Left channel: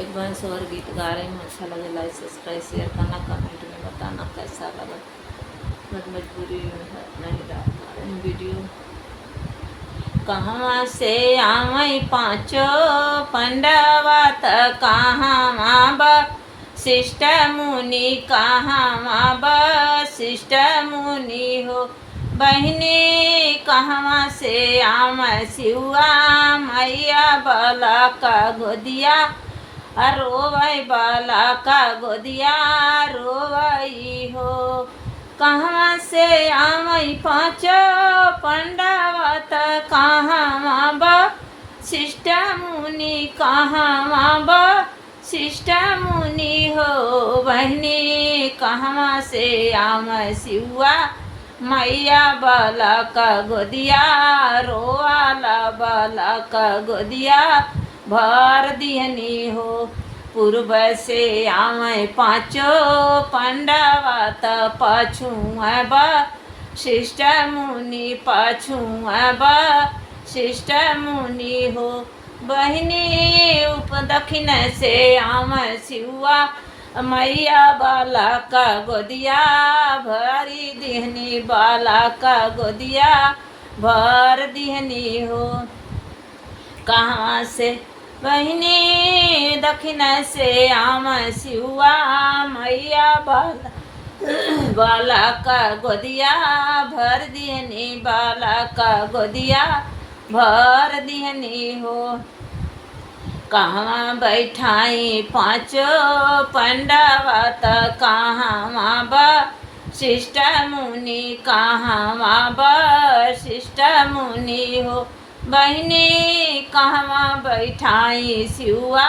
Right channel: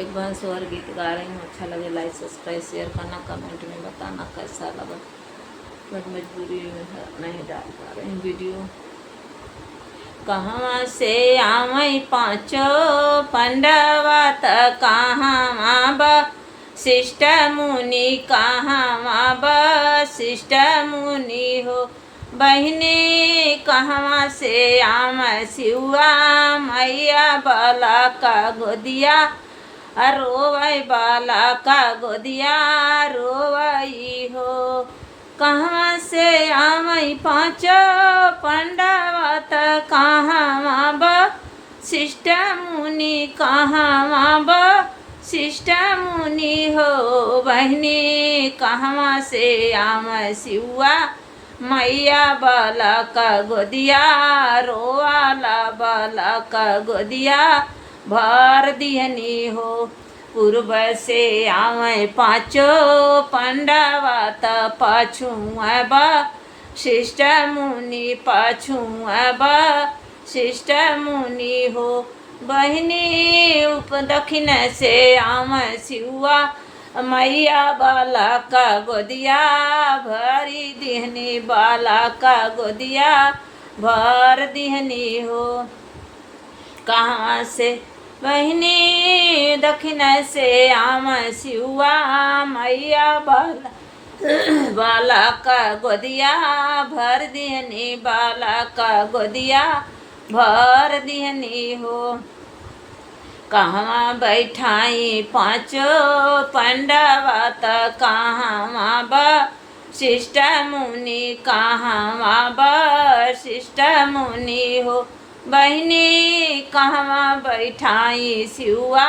एक बार और गीत गा रही हूँ। अच्छा लगे लाइक सब्सक्राइब शेयर करना, कमेंट में बताना कैसा लगा। बट मजबूरी में नहीं डाल पा रही हूँ वीडियो। कहवा से आवई पाँचो पंडवा त कहाँ बा शिष्ट मुनि, कहाँ बा शिष्ट मुनि हो। बहनी कहवा से आम सिवा मैया बाला का गोदिया रोवई, बाला का गोदिया रोवई हो। कहाँ से आवई पाँचो पंडवा त कहाँ बा शिष्ट मुनि, कहाँ बा शिष्ट मुनि हो। बहनी कहवा से आम सिवा मैया बाला का गोदिया रोवाला, बाला का गोदिया भर दिहनी हो। पूर्व से आवे पाँचो पंडवा त पाछू बा शिष्ट मुनि, पाछू बा शिष्ट मुनि हो। बहनी उप दक्षिण से आम सिवा मैया बाला का गोदिया भरी दिहनी, बाला का गोदिया भर दिहनी हो। कहाँ से बहनी दक्षिण से आम सिवा मैया बाला बाला का गोदिया भर दिहनी, बाला का गोदिया भर दिहनी हो। कहाँ बैठाई पाँचो पंडवा त कहाँ बा शिष्ट मुनि, कहाँ बा शिष्ट मुनि हो। बहनी कहवा बैठाई सिवा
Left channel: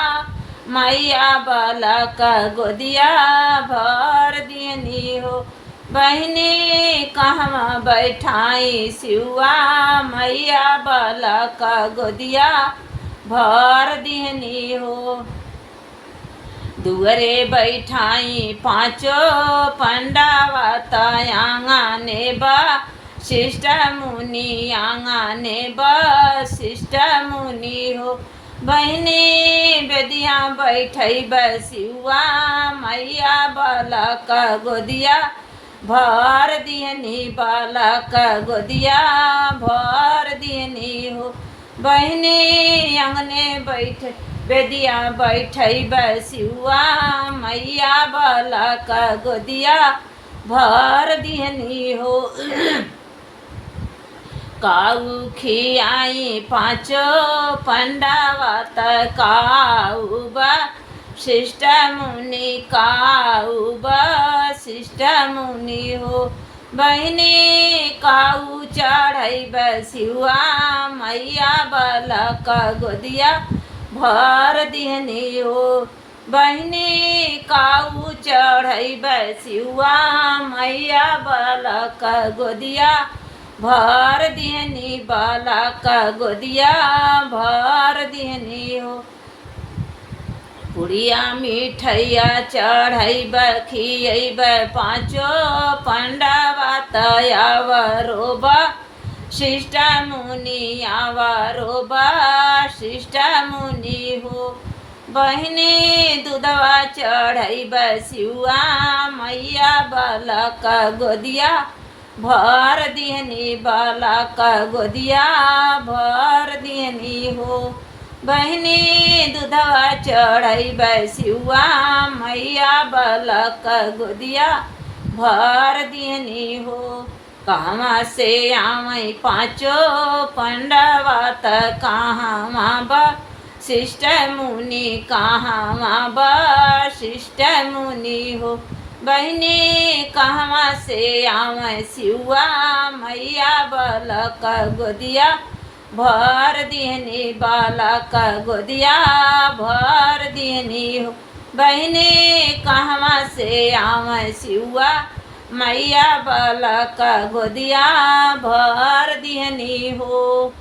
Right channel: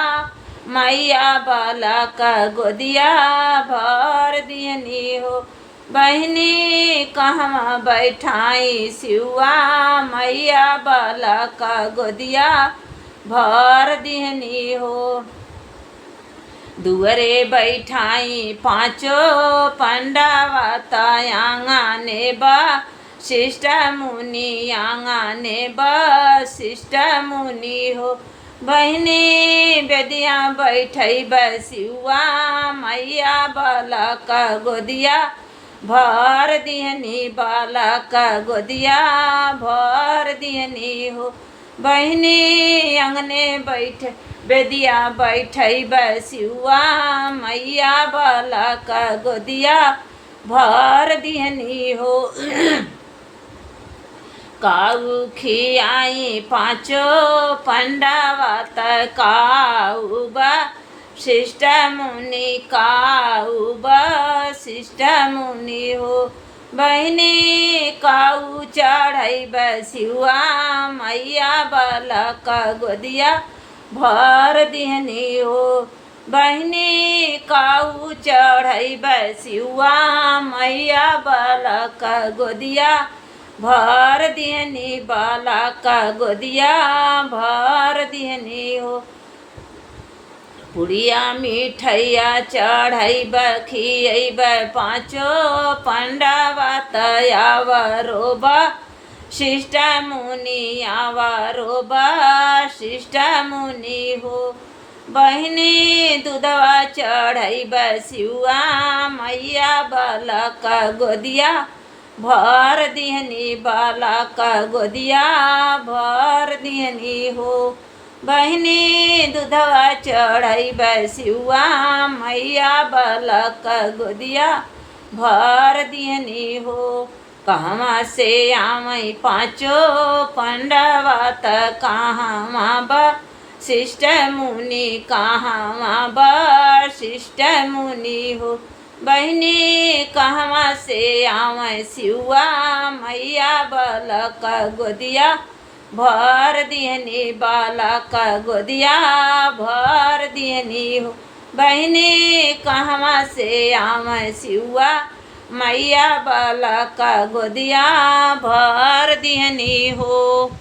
मैया बाला का गोदिया भर दिहनी हो। बहनी कहवा बैठाई सिवा मैया बाला का गोदिया भर दिहनी हो। दुअरे बैठाई पाँचो पंडवा त आंगने बा शिष्ट मुनि, आंगने बा शिष्ट मुनि हो। बहनी बेदिया बैठई बसिवा मैया बाला का गोदिया भर दिहनी, बाला का गोदिया भर दिहनी हो। बहनी अंगने बैठ बेदिया बैठई बसिवा मैया बाला का गोदिया भर दिहनी हो। काऊ खियाई पाँचो पंडवा त काऊ बा शिष्ट मुनि, काऊ बा शिष्ट मुनि हो। बहनी काऊ चढ़ई बसिवा मैया बाला का गोदिया भर दिहनी हो। बहनी काऊ चढ़ई बसिवा मैया बाला का गोदिया भर दिहनी, बाला का गोदिया भर दिहनी हो। पुड़िया मिठैया चढ़ैब खियैब पाँचो पंडवा त आवरो बा शिष्ट मुनि, आवरो बा शिष्ट मुनि हो। बहनी दूधवा चढ़ैब सिवा मैया बाला का गोदिया भर दिहनी, बाला का गोदिया भर दिहनी हो। बहनी दूधवा चढ़ई बसिवा मैया बाला का गोदिया भर दिहनी हो। कहवा से आवई पाँचो पंडवा त कहाँ बा शिष्ट मुनि, कहाँ बा शिष्ट मुनि हो। बहनी कहवा से आवई सिवा मैया बाला का गोदिया भर दिहनी, बाला का गोदिया भर दिहनी हो। बहनी कहवा से आवई सिवा मैया बाला का गोदिया भर दिहनी हो।